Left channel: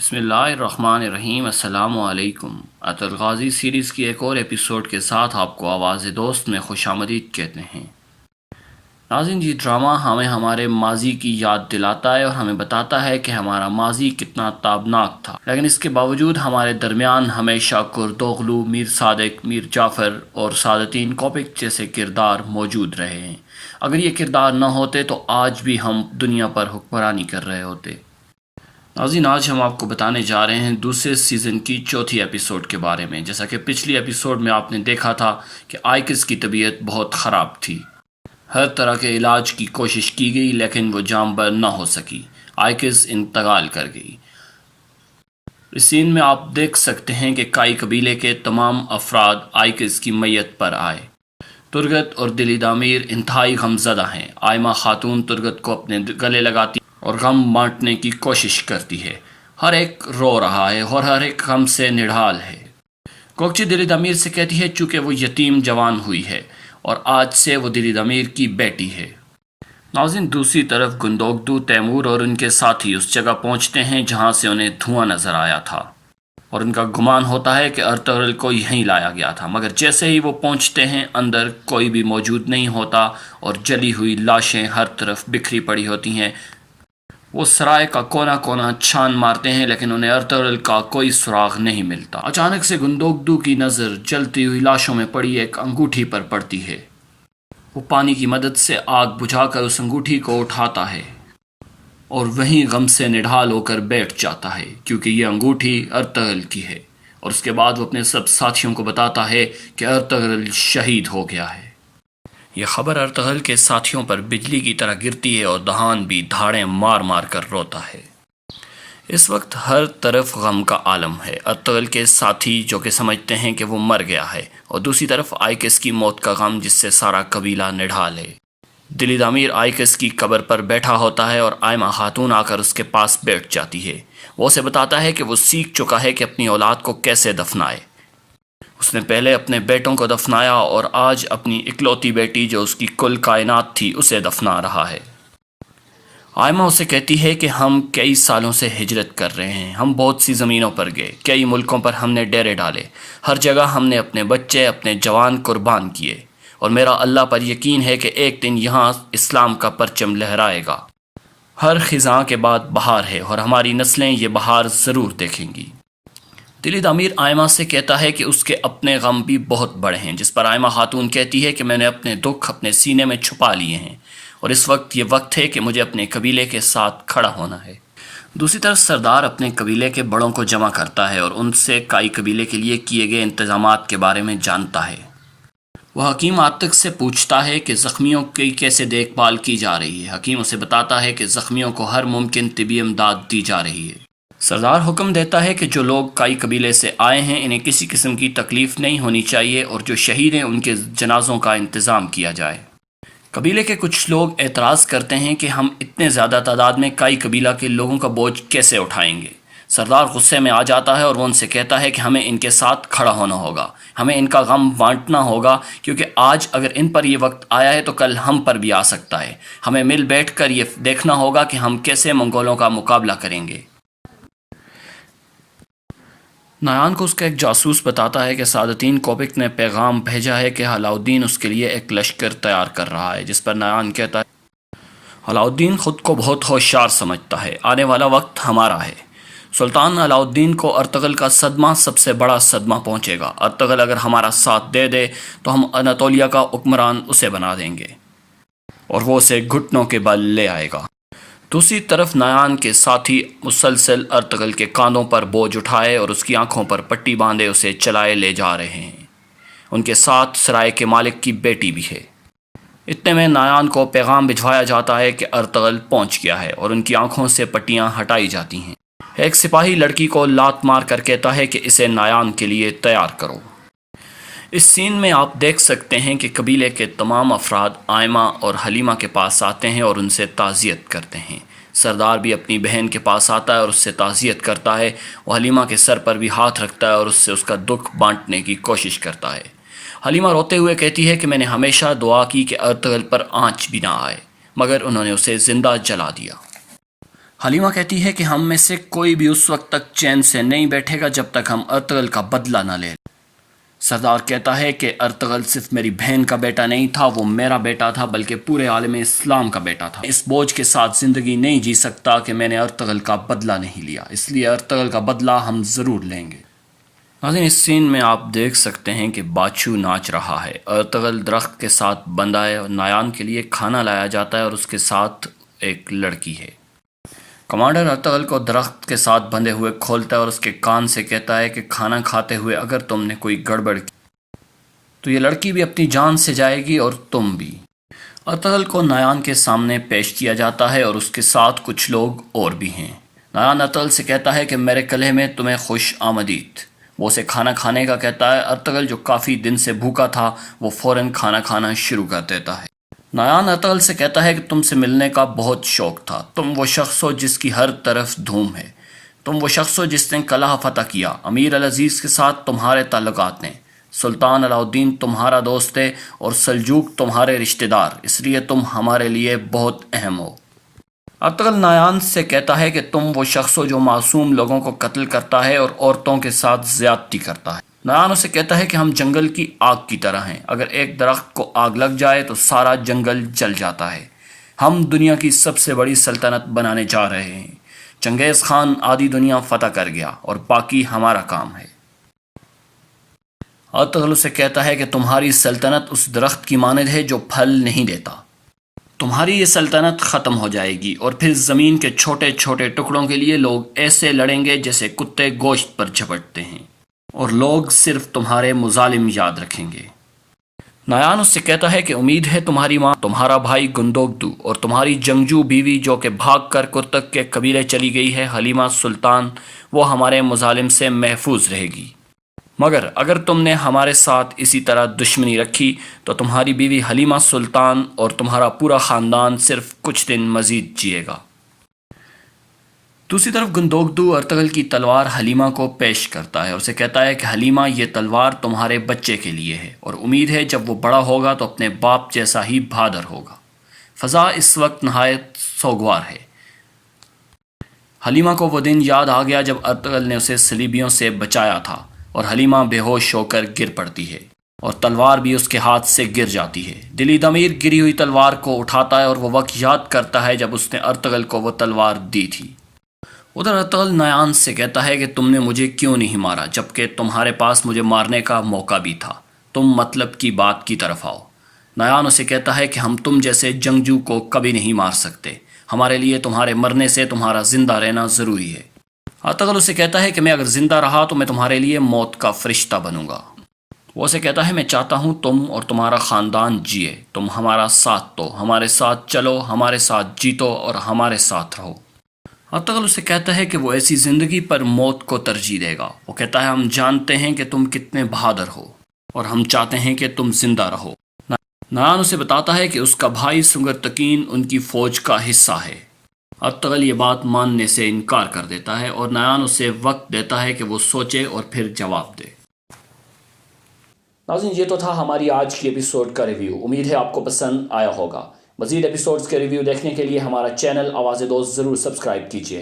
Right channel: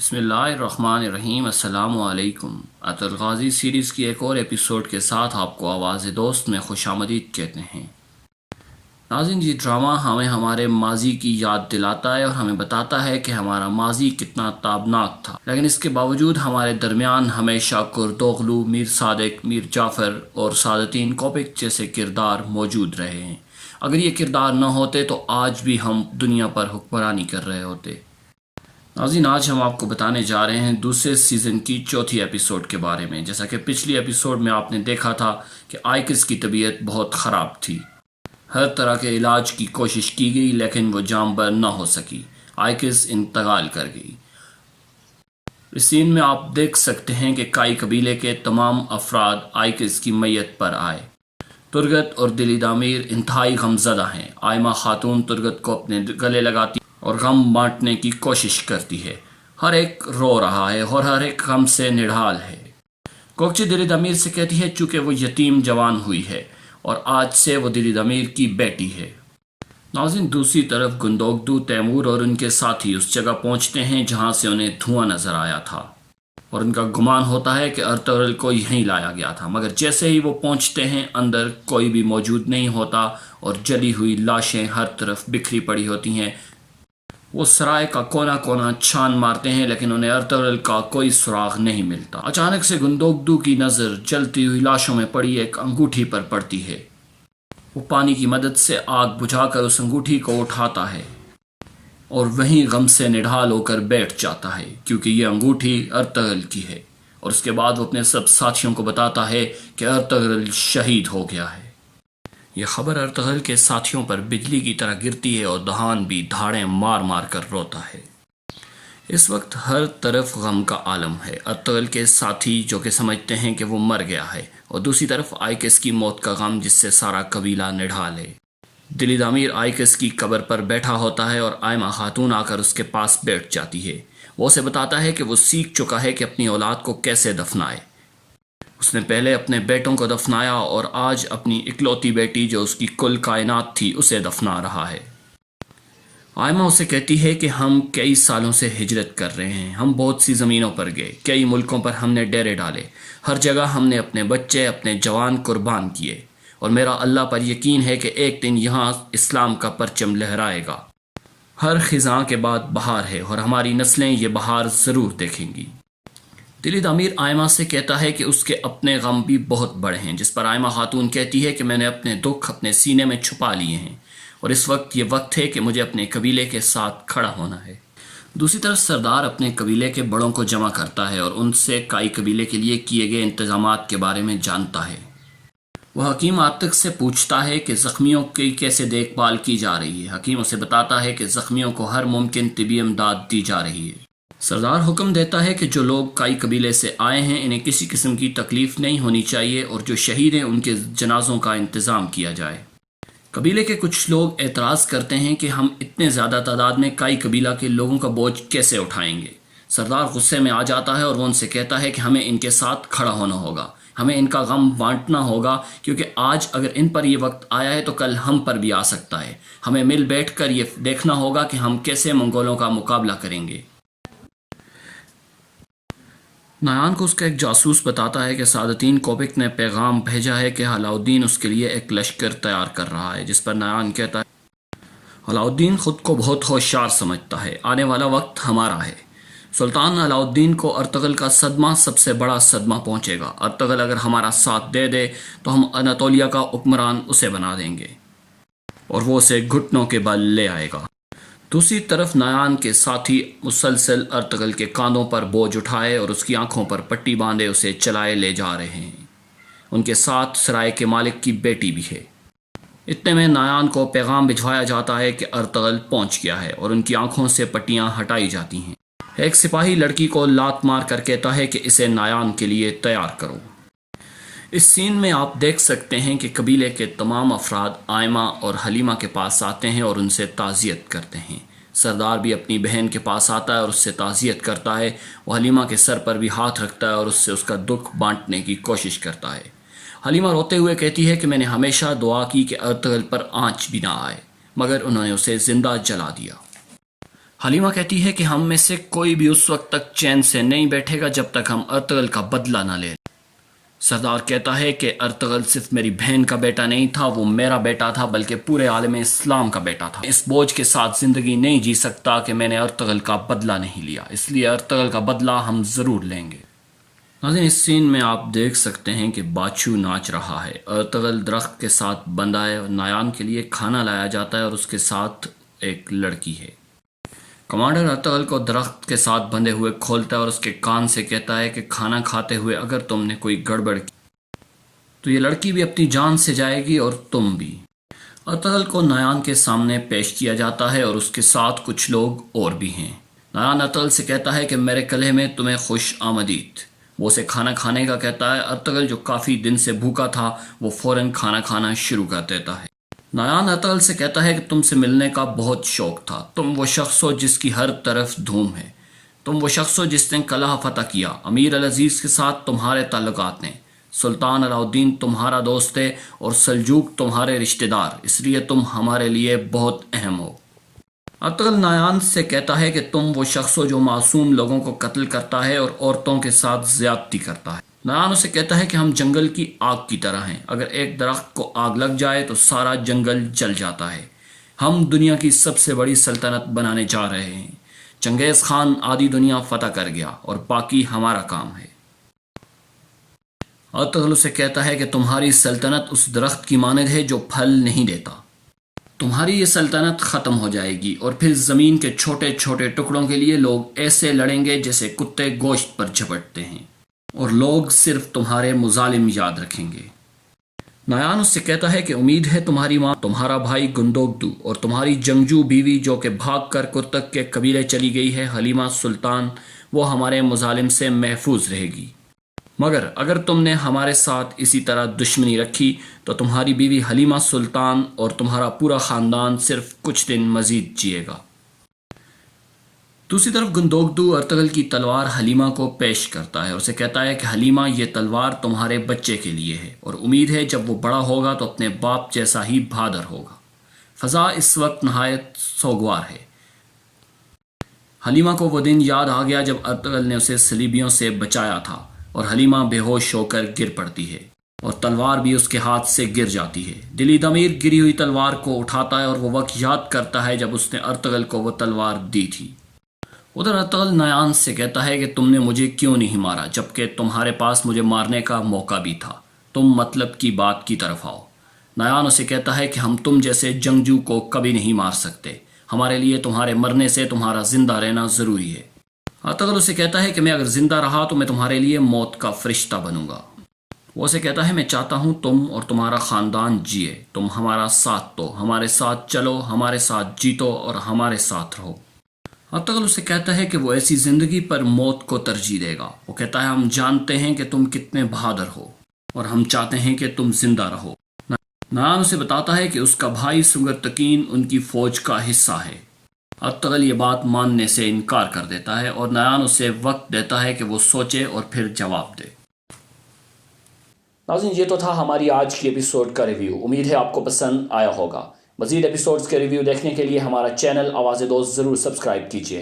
بسم اللہ الرحمن الرحیم۔ السلام علیکم۔ الغازی سیریز کی ایک اور ایپیسوڈ کے ساتھ آپ کو آواز دوست میں خوش آمدید کہتے ہیں۔ ناظرین، یہ ڈرامہ ہمیں ہمارے ماضی کی یاد دلاتا ہے اور ہمیں بتاتا ہے کہ ہمارا ماضی کتنا تابناک تھا، لیکن اس کے باوجود ہمارے درمیان ہمیشہ کردوغلو، میر صادق، میر جعفر اور سعادتین کوپک جیسے کردار موجود رہے ہیں۔ اگر یہ کردار نہ ہوتے تو آج بھی ہم دنیا پر حکمرانی کر رہے ہوتے۔ ناظرین، آج ہم آپ کو بتانے جا رہے ہیں دوسرے سیزن کی چوتھی ایپیسوڈ کے بارے میں۔ جیسا کہ پچھلی ایپیسوڈ میں آپ نے دیکھا تھا کہ آئکس کی طبیعت بہت خراب تھی۔ ہر طرح کے علاج کی کوشش کی گئی لیکن وہ جام بر نہ ہو سکی۔ آئکس انتقال کر گئی۔ اس سین میں آپ دیکھ سکتے ہیں کہ کائی قبیلے کے تمام افراد آئکس کی میت پر آئے۔ ترگت اور دلی دامیر انتہائی غمزدہ ہیں۔ آئمہ خاتون ترگت کو اپنے گلے لگاتی اور غم بانٹنے کی کوشش کرتی ہے۔ ہر ایک رو رہا ہے اور ہر ایک غم سے نڈھال ہے۔ کوکچی دلی دامیر سے کہتی ہے چونکہ وہ یتیم جوان ہوئی ہے اور آج سے وہ دلی دامیر کی بیٹی ہے۔ ناظرین، دوسری طرف گندوگدو، تیمور اور ان کے ساتھی اس جگہ پہنچتے ہیں جہاں سے انہیں دھواں نظر آیا تھا اور ان کا گمان ہوتا ہے کہ ارطغرل کو یہیں لایا گیا تھا، مگر جیسے ہی وہ پہنچتے ہیں اندر کوئی بھی موجود نہیں ہوتا اور جلی ہوئی لاشیں ہر طرف بکھری پڑی ہوتی ہیں۔ وہ سرائے کا کونا کونا چھان مارتے ہیں لیکن انہیں ارطغرل کا کوئی سراغ نہیں ملتا۔ اچانک سے گندوگدو کی نظر جلتی ہوئی لاشوں میں پڑی ایک انگوٹھی پر پڑتی ہے۔ وہ پانی کی مدد سے آگ بجھا کر اس انگوٹھی کو اٹھاتا ہے اور وہیں غم سے نڈھال ہو کر بیٹھ جاتا ہے کیونکہ یہ انگوٹھی ارطغرل کی ہے، اور اس کے بعد وہ اپنے سب ساتھیوں کو بتاتا ہے کہ ارطغرل شہید ہو گیا ہے۔ یہ خبر ارطغرل کے ساتھیوں پر بجلی کی طرح گرتی ہے اور دہان بھی دھاڑیں مار مار کر روتا ہے۔ اس وقت ہر طرف غم کا عالم ہے۔ ارطغرل کے ساتھی جو کہ سمجھتے ہیں کہ وہ مر گیا ہے، اور دوسری طرف آئکس کی موت کا غم جس سے سارا قبیلہ نڈھال ہے۔ دلی دامیر آئکس کی قبر پر بیٹھا ہوتا ہے اور آئمہ خاتون آ کر اس کے پاس بیٹھ جاتی ہے۔ وہ اسے بتاتا ہے کہ وہ سیکھ چکا ہے کہ اپنی اولاد کو کیسے دفنائے۔ اس نے پہلے اپنے بیٹوں کو دفنایا اور آج اپنی اکلوتی بیٹی جو اس کی کل کائنات تھی اسے دفنا رہا ہے۔ آئمہ اسے کہتی ہے کہ ہم کئی سالوں سے ہجرت کر رہے ہیں، ہم بہت سی زمینوں پر گئے، کئی ملکوں پر ہم نے ڈیرے ڈالے، ہر جگہ ہم نے اپنے بچے، اپنے جوان قربان کیے، اور میرا اللہ پر یقین ہے کہ ایک دن یہاں اسلام کا پرچم لہرائے گا۔ ہر خزاں کے بعد بہار ہے اور ہماری نسلیں یہ بہار ضرور دیکھیں گی۔ دلی دامیر آئمہ سے کہتا ہے کہ اس کے اپنے غم بھی بہت بڑے ہیں، جس پر آئمہ خاتون کہتی ہے کہ میں نے اپنے دکھ اپنے سینے میں چھپا لیے ہیں اور اس وقت یہ وقت ہے کہ مجھے اپنے قبیلے کے ساتھ کھڑا ہونا ہے۔ دوسری طرف سردار اپنے قبیلے کے بڑوں کو جمع کرتا ہے اور ان سے کائی قبیلے کے لیے کیے گئے انتظامات کے بارے میں جانتا ہے۔ وہ حکیم عاتق سے پوچھتا ہے کہ زخمیوں کی کیسے دیکھ بھال کی جا رہی ہے۔ حکیم اسے بتاتا ہے کہ زخمیوں کو ہر ممکن طبی امداد دی جا رہی ہے۔ سردار حکم دیتا ہے کہ جو لوگ کائی قبیلے سے آئے ہیں انہیں کسی قسم کی تکلیف نہیں ہونی چاہیے اور جو شہید ہیں ان کے جنازوں کا انتظام کیا جائے۔ قبیلے کے کچھ لوگ اعتراض کرتے ہیں کہ ہم اتنے زیادہ تعداد میں کائی قبیلہ کے لوگوں کا بوجھ کیسے اٹھائیں گے۔ سردار غصے میں آ جاتا ہے اور وہ ان سے کہتا ہے کہ ہمیں ان کے ساتھ کھڑا ہونا ہوگا، ہمیں ان کا غم بانٹنا ہوگا، کیونکہ آج اگر ان پر یہ وقت آیا ہے تو کل ہم پر بھی آ سکتا ہے۔ ہمیں مل بیٹھ کر یہ دیکھنا ہوگا کہ ہم کیسے منگولوں کا مقابلہ کریں گے۔ نایان کو اس کا ایک جاسوس بتاتا ہے کہ سعادتین کوپک نے پیغام بھیجا ہے کہ علاؤالدین اس کے لیے ایک لشکر تیار کر رہا ہے، جس پر نایان کہتا ہے علاؤالدین خود کو بہت ہوشیار سمجھتا ہے، آنے والا وقت ہمارا ہے۔ سلطان علاؤالدین کو ارطغرل کا صدمہ سب سے بڑا صدمہ پہنچے گا۔ ارطغرل اگر ہمارا ساتھ دے دے تو ہم اناطولیہ کا حکمران اسے بنا دیں گے اور وہ اسے گھٹنوں کے بل لے آئے گا۔ دوسری طرف نایان کے ساتھی مسلسل ارطغرل کے کاندھوں پر بوجھ اٹھائے اور اس کی آنکھوں پر پٹی باندھے اسے چلائے لے جا رہے ہیں۔ ان کے ساتھ سرائے کے مالک کی بیٹی بھی ہے۔ اتنے میں نایان کو پیغام بھجوایا جاتا ہے کہ ارطغرل پہنچ گیا ہے اور ان کی آنکھوں سے پٹیاں ہٹائی جاتی ہیں۔ ایک سپاہی لڑکی کو لات مار کر کہتا ہے کہ اسے نایان کے لیے تیار کرو۔ اس سین میں آپ دیکھ سکتے ہیں کہ قبیلے کے تمام افراد آئمہ اور حلیمہ کے پاس آتے ہیں اور ان سے تعزیت کرتے ہیں۔ سردار بھی اپنی بہن کے پاس آتا ہے اور اس سے تعزیت کرتا ہے۔ وہ حلیمہ کے سر پر بھی ہاتھ رکھتا ہے اور اس سے اس کا دکھ بانٹنے کی کوشش کرتا ہے۔ حلیمہ روتے ہوئے کہتی ہے کہ میں نے ہمیشہ دعا کی کہ ارطغرل پر آنچ بھی نہ آئے، مگر انہوں نے اسے زندہ جلا دیا۔ حلیمہ کہتی ہے کہ ہم میں سے کوئی بھی اس وقت تک چین سے نہیں بیٹھے گا جب تک ہم ارطغرل کا بدلہ نہ لیں۔ سردار کہتا ہے کہ ارطغرل صرف میری بہن کا بیٹا نہیں تھا، وہ میرا بیٹا تھا بلکہ پورے عالم اسلام کا بیٹا تھا۔ اس بوجھ کے ساتھ زندگی نہیں جی سکتا کہ میں نے ارطغرل کا بدلہ نہیں لیا، اس لیے ارطغرل کا بدلہ ہم ضرور لیں گے۔ ناظرین، اس سین میں آپ دیکھ سکتے ہیں کہ باچھو ناچ رہا ہے۔ ارطغرل درخت کے ساتھ بندھا ہے، نایان کے لیے کھانا لایا جاتا ہے اور اس کے ساتھ ایک لڑکی ہے۔ کمانڈر ارطغرل کو درخت کے ساتھ بندھے ہوئے کھولتا ہے اور اس کے کان سے کہتا ہے کہ کھانا کھاتے ہوئے اگر تم نے کوئی گڑبڑ کی تو یہ لڑکی بھی اپنی جان سے جائے گی اور تم بھی۔ ارطغرل کو نایان کے سامنے پیش کیا جاتا ہے اور اس کے ساتھ کچھ لوگ اور بھی ہیں۔ نایان ارطغرل سے کہتا ہے کہ میرے کلہے میں تمہیں خوش آمدید۔ وہ اسے کھانا کھانے کا کہتا ہے۔ ارطغرل جو کافی دن سے بھوکا تھا وہ فوراً کھانا کھانا شروع کر دیتا ہے۔ نایان ارطغرل سے کہتا ہے کہ تم سے ملنے کا بہت شوق تھا، تم وہ شخص ہو جس کی ہر طرف دھوم ہے، تم وہ شخص ہو جس نے قلعہ فتح کیا، امیر العزیز کے ساتھ تمہارے تعلقات ہیں، سلطان علاء الدین تمہارا دوست ہے اور سلجوق تمہارے رشتہ دار، اس لیے تم ہمارے لیے بہت اہم ہو۔ ارطغرل نایان سے کہتا ہے کہ تم وہ شخص ہو جو معصوم لوگوں کو قتل کرتا ہے اور عورتوں کے ساتھ زیادتی کرتا ہے۔ نایان اسے کہتا ہے کہ ہم جنگل کی آگ کی طرح ہیں، اگر ایک درخت کو آگ لگ جائے تو سارا جنگل جل جاتا ہے۔ ہم دنیا کی سب سے بڑی سلطنت بنانے جا رہے ہیں۔ چنگیز خان آدھی دنیا فتح کر گیا اور باقی ہمارا کام ہے۔ ارطغرل اسے کہتا ہے کہ تمہاری سلطنت اس درخت کی مانند ہے جو پھل نہیں دیتا، تمہاری یہ سلطنت ختم ہو جائے گی اور پھر زمین کے چھوٹے چھوٹے ٹکڑوں کے لیے لوگ ایسے لڑیں گے جیسے کتے گوشت پر جھپٹتے ہیں، اور لوگ صرف تمہارے مظالم یاد رکھیں گے۔ نایان اس سے کہتا ہے کہ امید ہے تمہاری ماں، تمہارا بھائی گندوگدو اور تمہاری جنگجو بیوی جو کہ بھاگ کر کرتک کے قبیلے چلی گئی ہے، حلیمہ سلطان، وہ ہمارے مظالم سے محفوظ رہے گی۔ مگر اگر تم نے ہمارے ساتھ اسی طرح دشمنی رکھی تو تمہاری بیوی حلیمہ سلطان اور تمہارا پورا خاندان صرف کچھ دن مزید جیے گا۔ دوسری طرف گندوگدو ارطغرل کی تلوار حلیمہ کو پیش کرتا ہے اور اسے کہتا ہے کہ حلیمہ، یہ تلوار تمہارے بچے کے لیے ہے اور امید ہے جب وہ بڑا ہوگا تو اپنے باپ جیسا ہی بہادر ہوگا۔ فضا اس وقت نہایت سوگوار ہے۔ حلیمہ کو وہ دن یاد آ گیا جب ارطغرل نے اسے صلیبیوں سے بچایا تھا، اور حلیمہ بے ہوش ہو کر گر پڑتی ہے اور تلوار بھی اس کے ہاتھ سے گر جاتی ہے۔ دلی ضمیر گری ہوئی تلوار کو اٹھاتا ہے اور وہ وقت یاد کرتا ہے جب اس نے ارطغرل کو وہ تلوار دی تھی۔ ادھر ارطغرل نایان سے کہتا ہے کہ تم نے مجھے کیوں نہیں مارا جبکہ تمہارے پاس مجھے مارنے کا موقع بھی تھا، تم مطلب کی بات کی طرف آؤ۔ نایان اسے کہتا ہے کہ ہم تم جیسے جنگجو کو کبھی نہیں مار سکتے، ہمارے لیے تمہارے مرنے سے تمہارا زندہ رہنا ضروری ہے۔ ارطغرل اسے کہتا ہے کہ میں اگر زندہ رہا تو میں تمہارے لیے موت کا فرشتہ بنوں گا۔ وہ اسے کہتا ہے میں چاہتا ہوں تم اور تمہارا خاندان جیے، تم ہمارا ساتھ دو، ہمارے ساتھ چلو، ہمارے ساتھ جیتو اور ہمارے ساتھ رہو۔ ارطغرل اسے کہتا ہے کہ وہ ایسی زندگی پر موت کو ترجیح دے گا۔ وہ کہتا ہے ہم جانتے ہیں کہ تم کتنے بہادر ہو اور ہم چاہتے ہیں کہ تم زندہ رہو۔ نایان اسے بتاتا ہے کہ اس کا بھائی سنگرتکین ان کی فوج کا حصہ ہے۔ ارطغرل یہ بات ماننے سے انکار کر دیتا ہے اور نایان اسے وقت دیتا ہے کہ وہ سوچے اور پھر جواب دے۔ ناظرین، یہ تو تھا ہماری آج کی ایپیسوڈ کا ریویو۔ امید ہے آپ کو پسند آیا ہوگا۔ مزید ایپیسوڈز کے ریویو دیکھنے کے لیے ہمارا چینل آواز دوست ضرور سبسکرائب کیجیے۔